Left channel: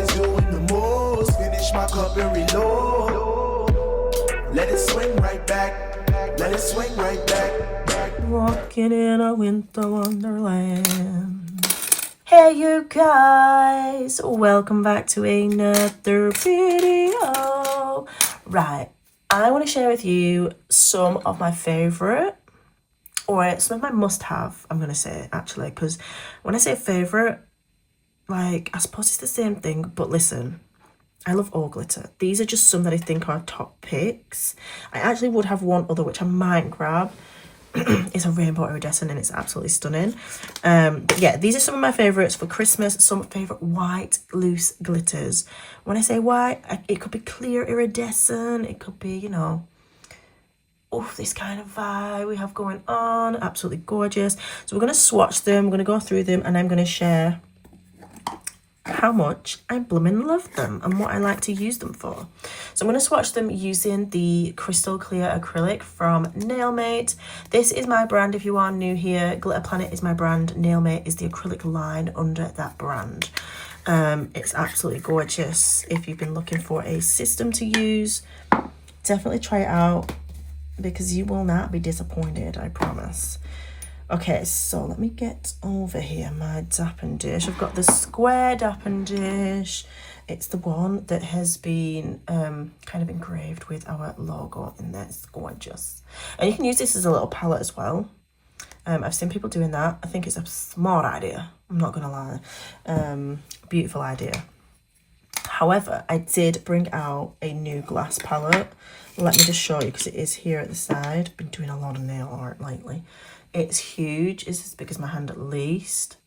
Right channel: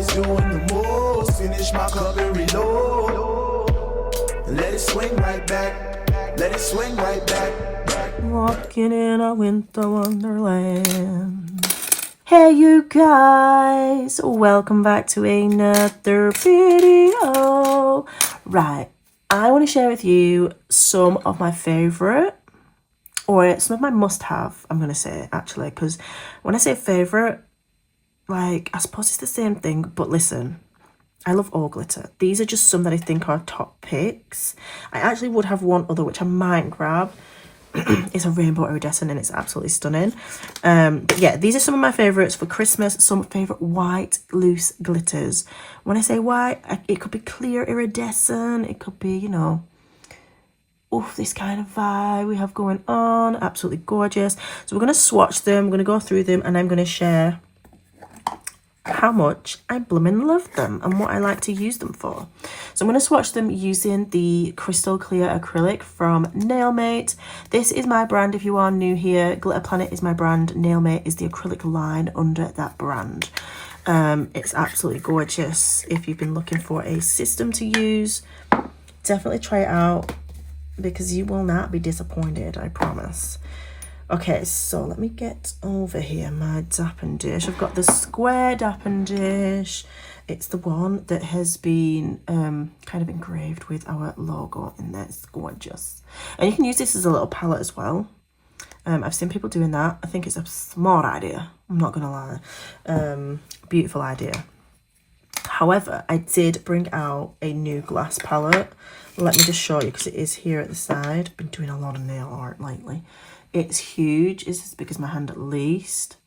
always doing the most. Finish my cup and reload. Let it swing right back. Let it swing right back. Walking in a winter wonderland. Hey you guys, welcome back to another video. Right, I want to share with you some of my favourite, or some of my must-have, I'm going to say, actually, because when I say favourite, like, I suppose it's the same thing, but listen, I love all glitter. These are just some that I think are top picks. I actually would have one other, which I might grab. It's a rainbow iridescent and it's absolutely stunning. Yeah, these are some of my favorites for Christmas. Some favorite white loose glitters. When I say white, it could be clear iridescent, it could be, you know, this kind of vibe we have going on. Absolutely gorgeous. So we're going to swatch them, we're going to go through them, and I'm going to share how much I blooming love them and what I like to use them for. So I'm going to swatch them using the crystal clear acrylic from Nailmate. This is my brand if you are new here. Glitter Planet is my brand. Nailmate is the acrylic line under that brand. It's absolutely gorgeous. If you've been looking for a system to use, definitely try it out because you will not be disappointed, I promise. Okay, so let me get over here my dapping dish. I've got the square dapping dish. It's the one that has been kind of engraved with our logo in there. It's gorgeous. And you can use this as a little palette as well. I've seen people doing that. I think it's a smart idea. I'm not going to lie. Beautiful idea. However, I did bring out a new glass palette. Let me just show you because it is here at the side. Been doing a lot of nail art lately. It's huge. It's as big as my hand at least.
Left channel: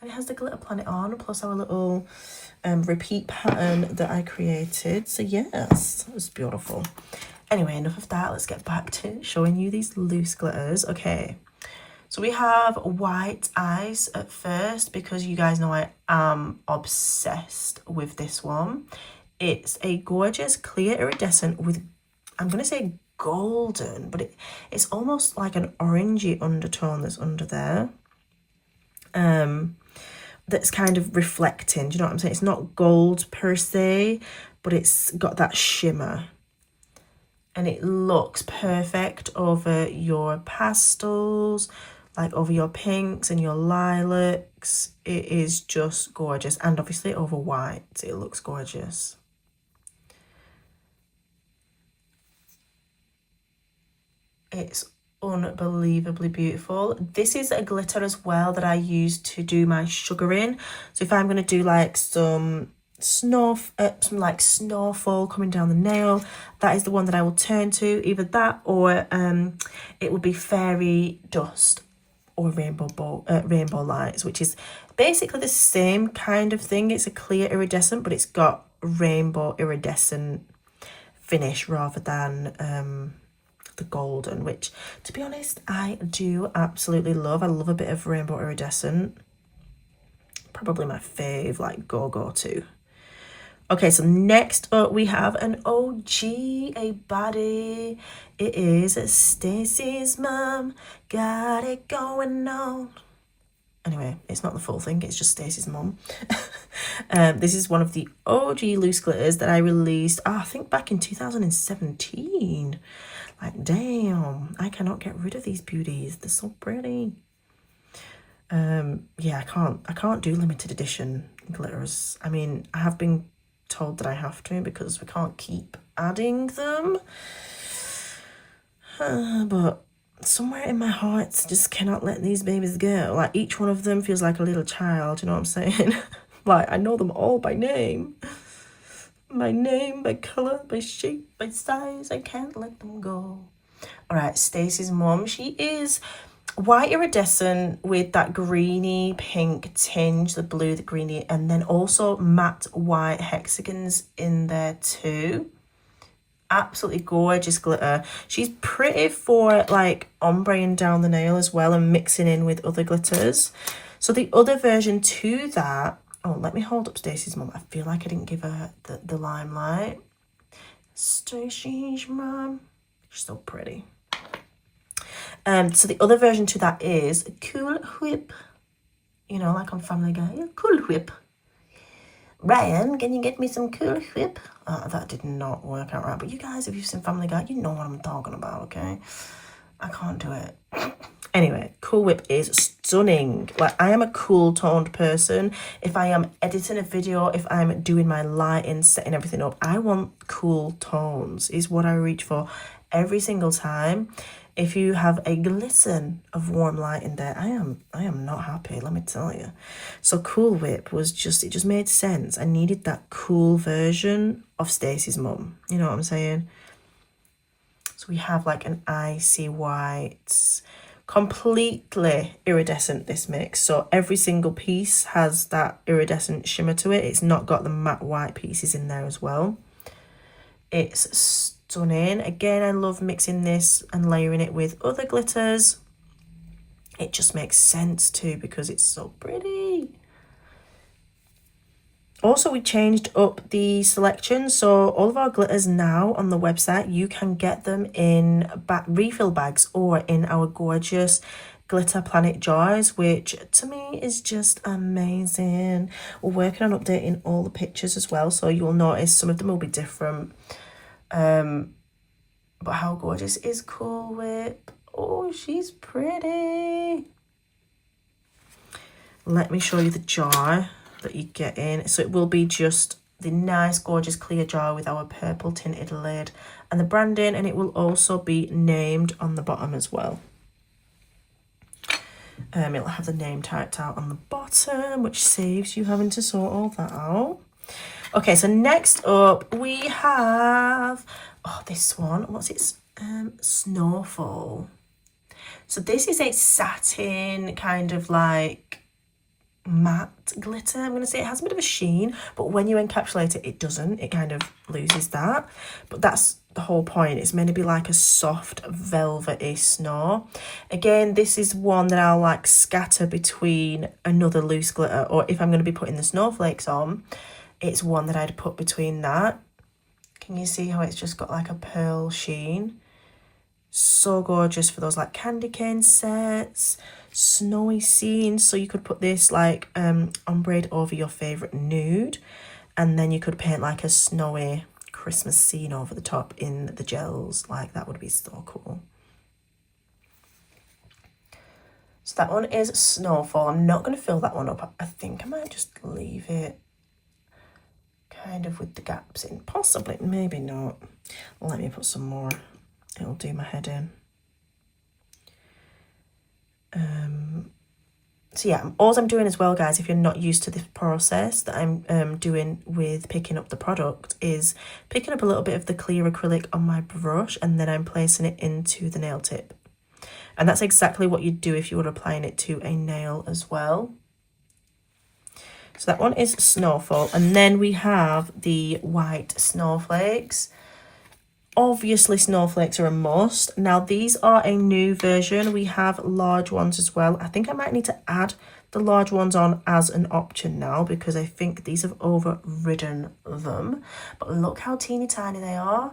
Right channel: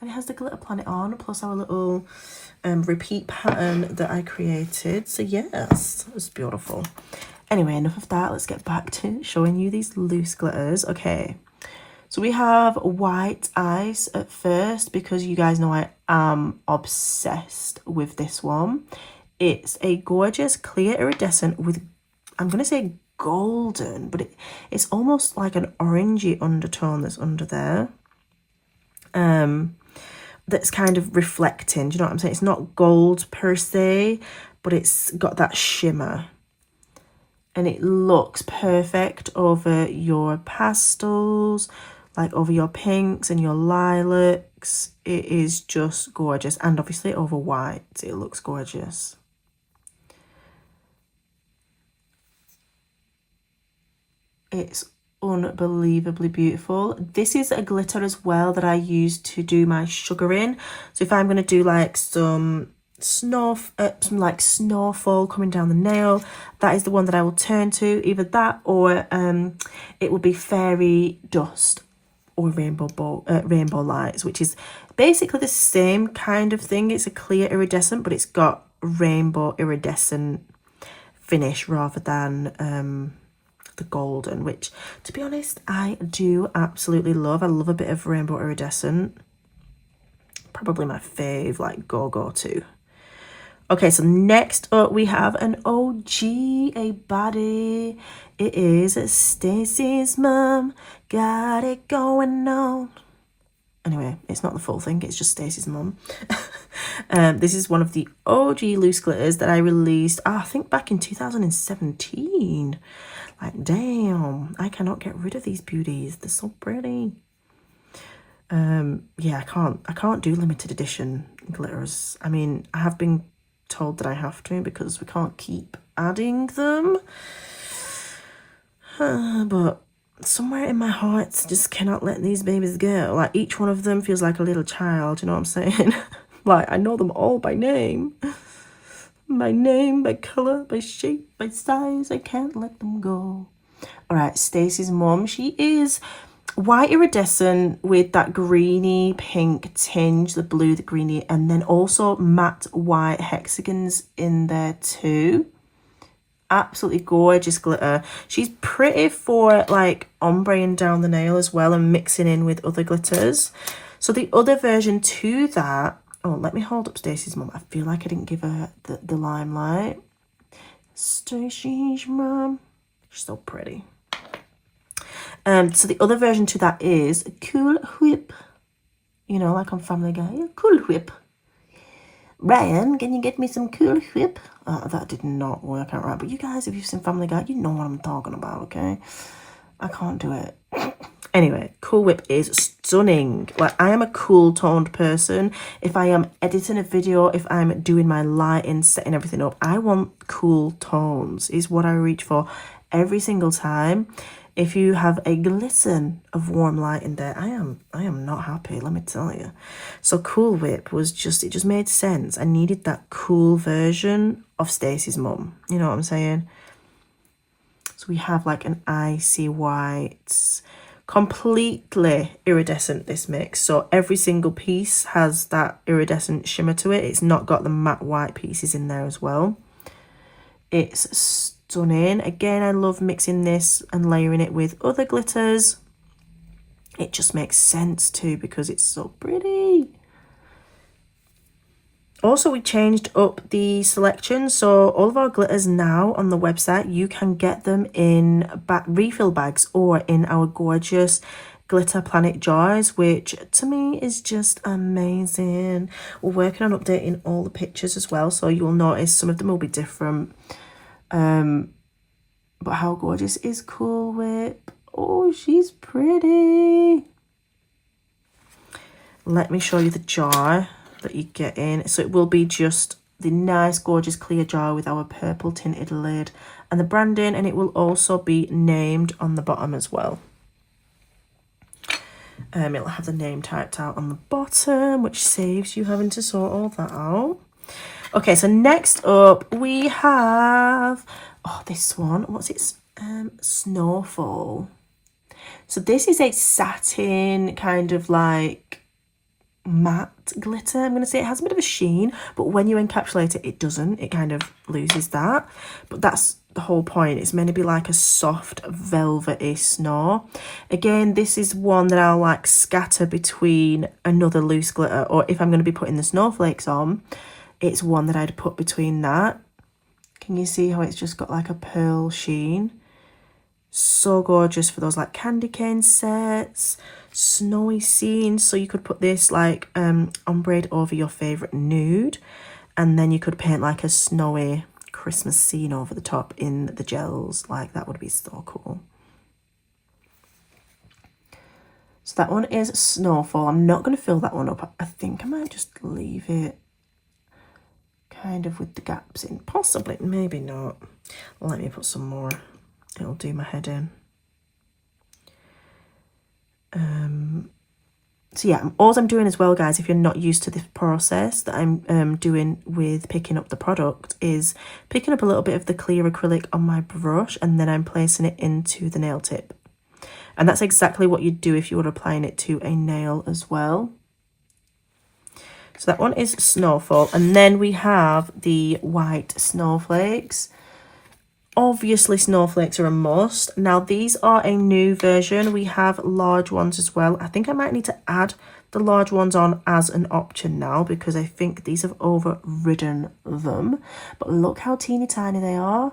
And it has the Glitter Planet on, plus our little repeat pattern that I created. So yes, it was beautiful. Anyway, enough of that. Let's get back to showing you these loose glitters. Okay, so we have white eyes at first because you guys know I am obsessed with this one. It's a gorgeous clear iridescent with, I'm going to say golden, but it's almost like an orangey undertone that's under there, that's kind of reflecting. Do you know what I'm saying? It's not gold per se, but it's got that shimmer and it looks perfect over your pastels, like over your pinks and your lilacs. It is just gorgeous, and obviously over white it looks gorgeous. It's unbelievably beautiful. This is a glitter as well that I use to do my sugaring. So if I'm going to do like some snowfall coming down the nail, that is the one that I will turn to. Either that or it would be fairy dust or rainbow lights, which is basically the same kind of thing. It's a clear iridescent, but it's got rainbow iridescent finish rather than the golden, which to be honest I do absolutely love. I love a bit of rainbow iridescent. Probably my fave, like go to. Okay, so next up we have an OG, a baddie. It is Stacy's mom, got it going on. Anyway, it's not the full thing, it's just Stacy's mum. This is one of the OG loose glitters that I released, I think back in 2017. Like, damn, I cannot get rid of these beauties. They're so pretty. Yeah, I can't do limited edition glitters. I mean, I have been told that I have to because we can't keep adding them. But somewhere in my heart, just cannot let these babies go. Like, each one of them feels like a little child, you know what I'm saying? Like, I know them all by name. By name, by colour, by shape, by size. I can't let them go. All right, Stacy's mum. She is white iridescent with that greeny pink tinge, the blue, the greeny, and then also matte white hexagons in there too. Absolutely gorgeous glitter. She's pretty for like ombreing down the nail as well and mixing in with other glitters. So the other version to that, oh, let me hold up Stacy's mum. I feel like I didn't give her the limelight. Stacy's mum. She's so pretty. So the other version to that is Cool Whip. You know, like on Family Guy. Cool Whip. Ryan, can you get me some Cool Whip? That did not work out right. But you guys, if you've seen Family Guy, you know what I'm talking about, okay? I can't do it. Anyway, Cool Whip is stunning. Like, I am a cool toned person. If I am editing a video, if I'm doing my lighting, setting everything up, I want cool tones is what I reach for every single time. If you have a glisten of warm light in there, I am not happy, let me tell you. So Cool Whip was just, it just made sense. I needed that cool version of Stacy's mum. You know what I'm saying? So we have like an icy white, completely iridescent, this mix. So every single piece has that iridescent shimmer to it. It's not got the matte white pieces in there as well. It's stunning. Again, I love mixing this and layering it with other glitters. It just makes sense too because it's so pretty. Also, we changed up the selection, so all of our glitters now on the website, you can get them in refill bags or in our gorgeous glitter planet jars, which to me is just amazing. We're working on updating all the pictures as well, so you'll notice some of them will be different. But how gorgeous is Cool Whip? Oh, she's pretty. Let me show you the jar that you get in. So it will be just the nice gorgeous clear jar with our purple tinted lid and the branding, and it will also be named on the bottom as well. It'll have the name typed out on the bottom, which saves you having to sort all that out. Okay, so next up we have, oh, this one, what's it? Snowfall. So this is a satin kind of like matte glitter. I'm going to say it has a bit of a sheen, but when you encapsulate it, it doesn't. It kind of loses that. But that's the whole point. It's meant to be like a soft, velvety snow. Again, this is one that I'll like scatter between another loose glitter, or if I'm going to be putting the snowflakes on, it's one that I'd put between that. Can you see how it's just got like a pearl sheen? So gorgeous for those like candy cane sets, snowy scenes. So you could put this like ombre over your favorite nude, and then you could paint like a snowy Christmas scene over the top in the gels. Like, that would be so cool. So that one is Snowfall. I'm not going to fill that one up. I think I might just leave it kind of with the gaps in. Possibly, maybe not. Let me put some more. It'll do my head in. So yeah, all I'm doing as well, guys, if you're not used to this process that I'm doing with picking up the product, is picking up a little bit of the clear acrylic on my brush, and then I'm placing it into the nail tip. And that's exactly what you'd do if you were applying it to a nail as well. So that one is Snowfall. And then we have the white snowflakes. Obviously, snowflakes are a must. Now, these are a new version. We have large ones as well. I think I might need to add the large ones on as an option now, because I think these have overridden them. But look how teeny tiny they are.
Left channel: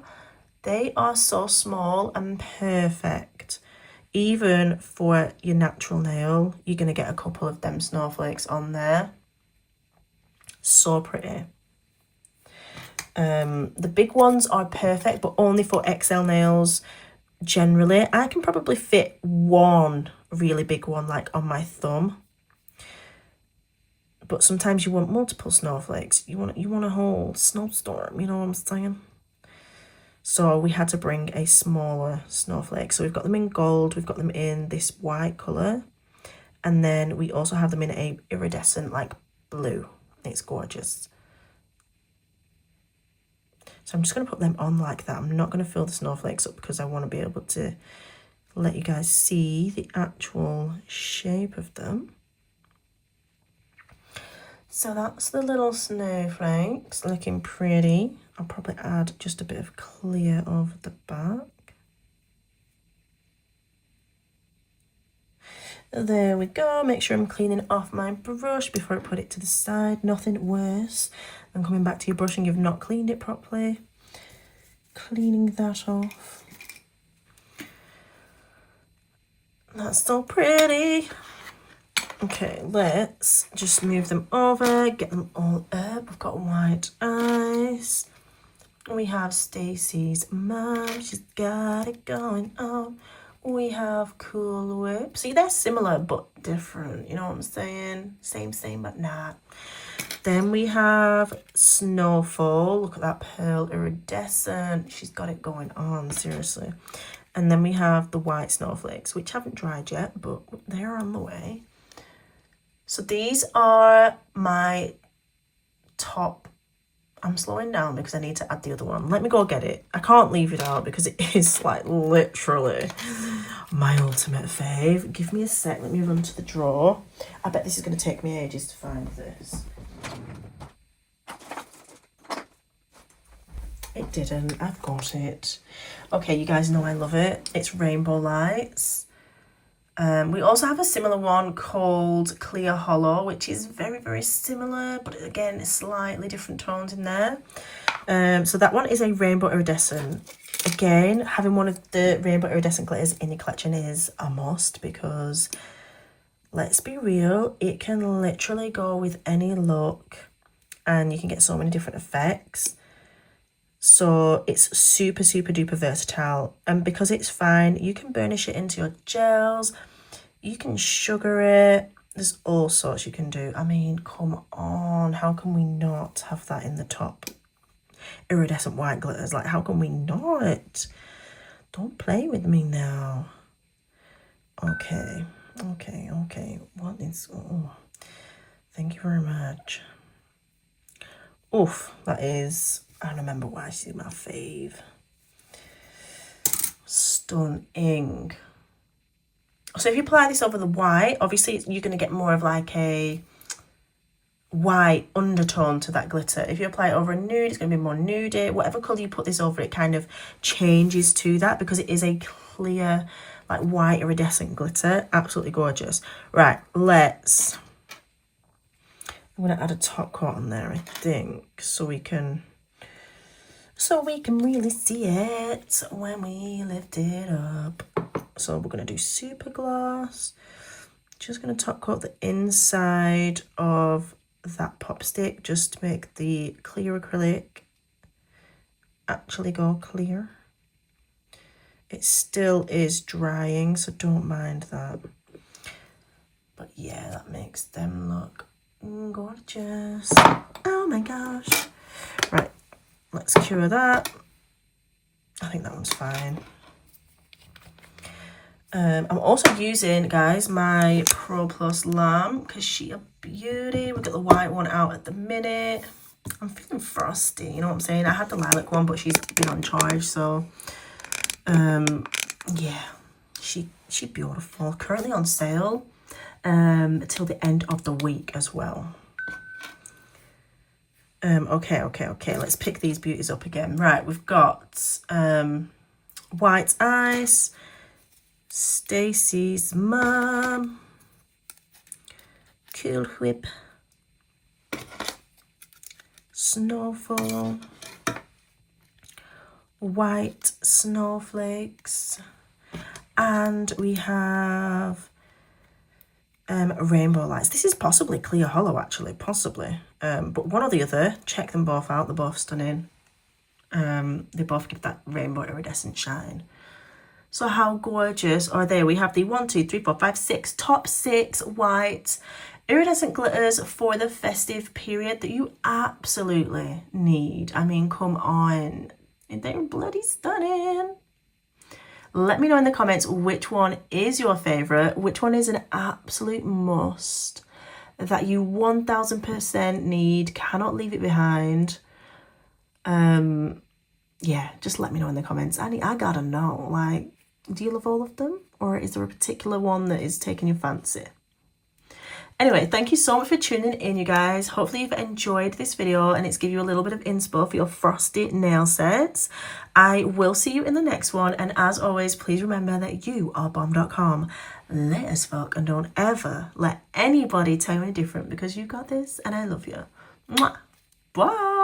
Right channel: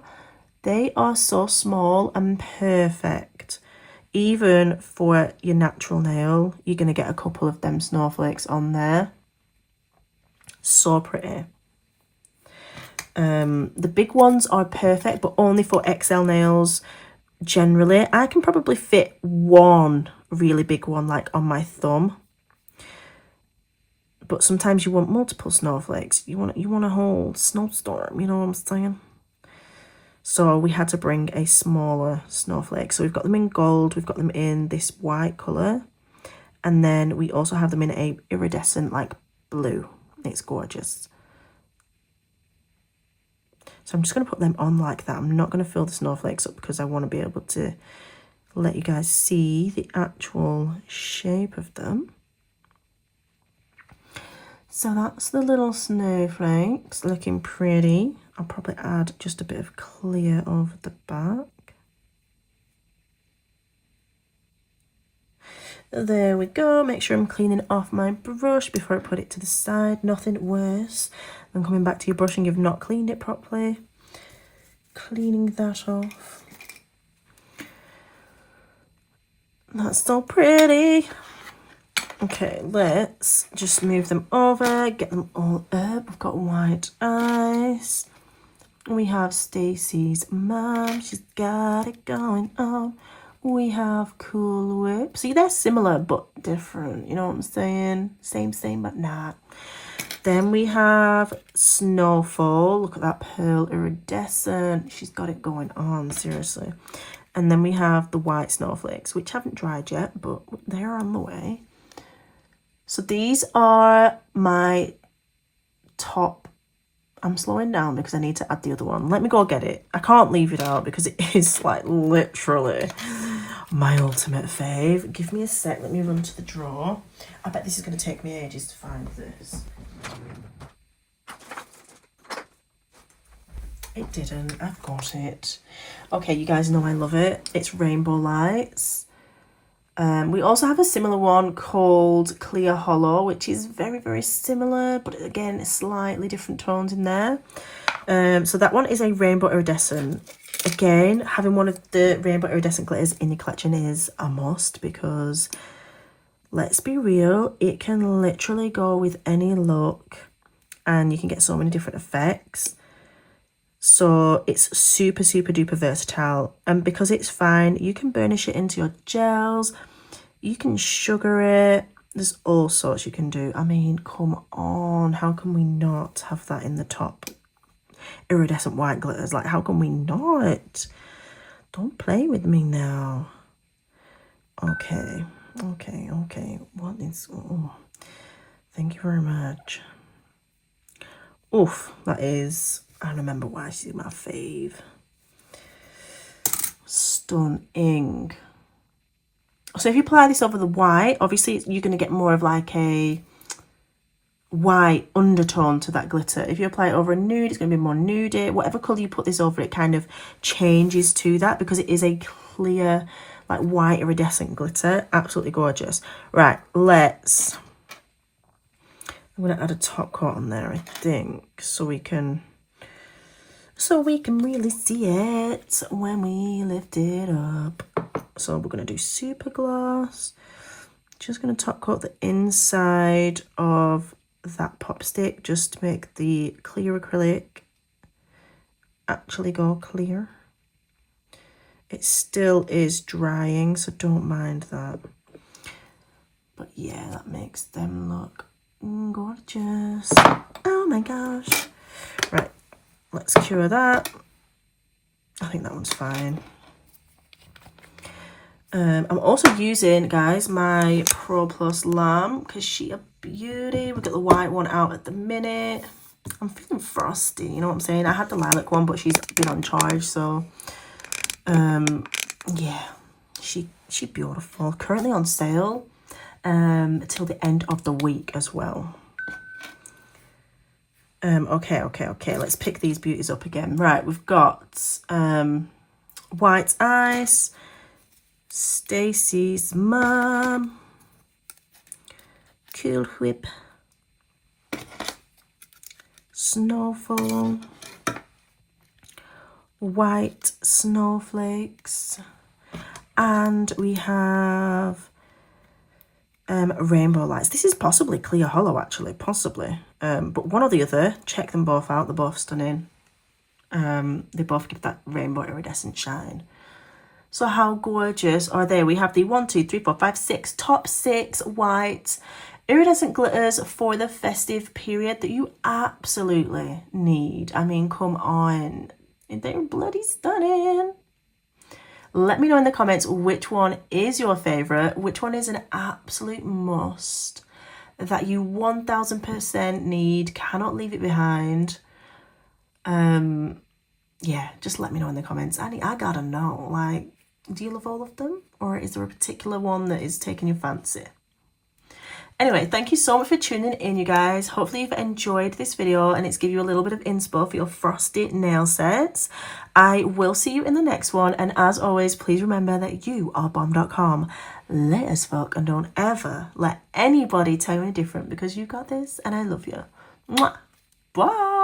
They are so small and perfect. Even for your natural nail, you're going to get a couple of them snowflakes on there. So pretty. The big ones are perfect, but only for XL nails. Generally, I can probably fit one really big one like on my thumb, but sometimes you want multiple snowflakes. You want a whole snowstorm, you know what I'm saying? So we had to bring a smaller snowflake. So we've got them in gold, we've got them in this white color, and then we also have them in a iridescent like blue. It's gorgeous. So I'm just going to put them on like that. I'm not going to fill the snowflakes up because I want to be able to let you guys see the actual shape of them. So that's the little snowflakes looking pretty. I'll probably add just a bit of clear over the back. There we go. Make sure I'm cleaning off my brush before I put it to the side. Nothing worse than coming back to your brush and you've not cleaned it properly. Cleaning that off. That's so pretty. Okay, let's just move them over, get them all up. We've got white eyes. We have Stacy's mum. She's got it going on. We have Cool Whip. See, they're similar but different. You know what I'm saying? Same, but not. Then we have Snowfall. Look at that pearl iridescent. She's got it going on, seriously. And then we have the white snowflakes, which haven't dried yet, but they're on the way. So these are my top. I'm slowing down because I need to add the other one. Let me go get it. I can't leave it out because it is like literally my ultimate fave. Give me a sec. Let me run to the drawer. I bet this is going to take me ages to find this. It didn't. I've got it. Okay, you guys know I love it. It's Rainbow Lights. We also have a similar one called Clear Hollow, which is very, very similar, but again, slightly different tones in there. So that one is a rainbow iridescent. Again, having one of the rainbow iridescent glitters in your collection is a must because, let's be real, it can literally go with any look and you can get so many different effects. So it's super, super duper versatile. And because it's fine, you can burnish it into your gels. You can sugar it. There's all sorts you can do. I mean, come on. How can we not have that in the top? Iridescent white glitters. Like, how can we not? Don't play with me now. Okay. What is... Oh, thank you very much. Oof, that is... I remember why she's my fave. Stunning. So if you apply this over the white, obviously you're going to get more of like a white undertone to that glitter. If you apply it over a nude, it's going to be more nudey. Whatever colour you put this over, it kind of changes to that because it is a clear, like white iridescent glitter. Absolutely gorgeous. Right, let's... I'm going to add a top coat on there, I think, so we can really see it when we lift it up. So we're going to do super gloss. Just going to top coat the inside of that pop stick just to make the clear acrylic actually go clear. It still is drying, so don't mind that. But yeah, that makes them look gorgeous. Oh my gosh. Right. Let's cure that. I think that one's fine. I'm also using, guys, my Pro Plus Lamb because she a beauty. We've got the white one out at the minute. I'm feeling frosty, you know what I'm saying? I had the lilac one, but she's been on charge, so yeah, she beautiful. Currently on sale till the end of the week as well. Okay, let's pick these beauties up again. Right, we've got White Ice, Stacy's mum, Cool Whip, Snowfall, White Snowflakes, and we have Rainbow Lights. This is possibly Clear Hollow, actually, possibly. But one or the other, check them both out. They're both stunning. They both give that rainbow iridescent shine. So how gorgeous are they? We have the 1, 2, 3, 4, 5, 6, top 6 white iridescent glitters for the festive period that you absolutely need. I mean, come on. They're bloody stunning. Let me know in the comments which one is your favourite, which one is an absolute must that you 1000% need, cannot leave it behind. Yeah, just let me know in the comments. I gotta know, like, do you love all of them? Or is there a particular one that is taking your fancy? Anyway, thank you so much for tuning in, you guys. Hopefully you've enjoyed this video and it's given you a little bit of inspo for your frosty nail sets. I will see you in the next one. And as always, please remember that you are bomb.com. Lit as fuck, and don't ever let anybody tell you any different because you got this and I love you. Mwah. Bye.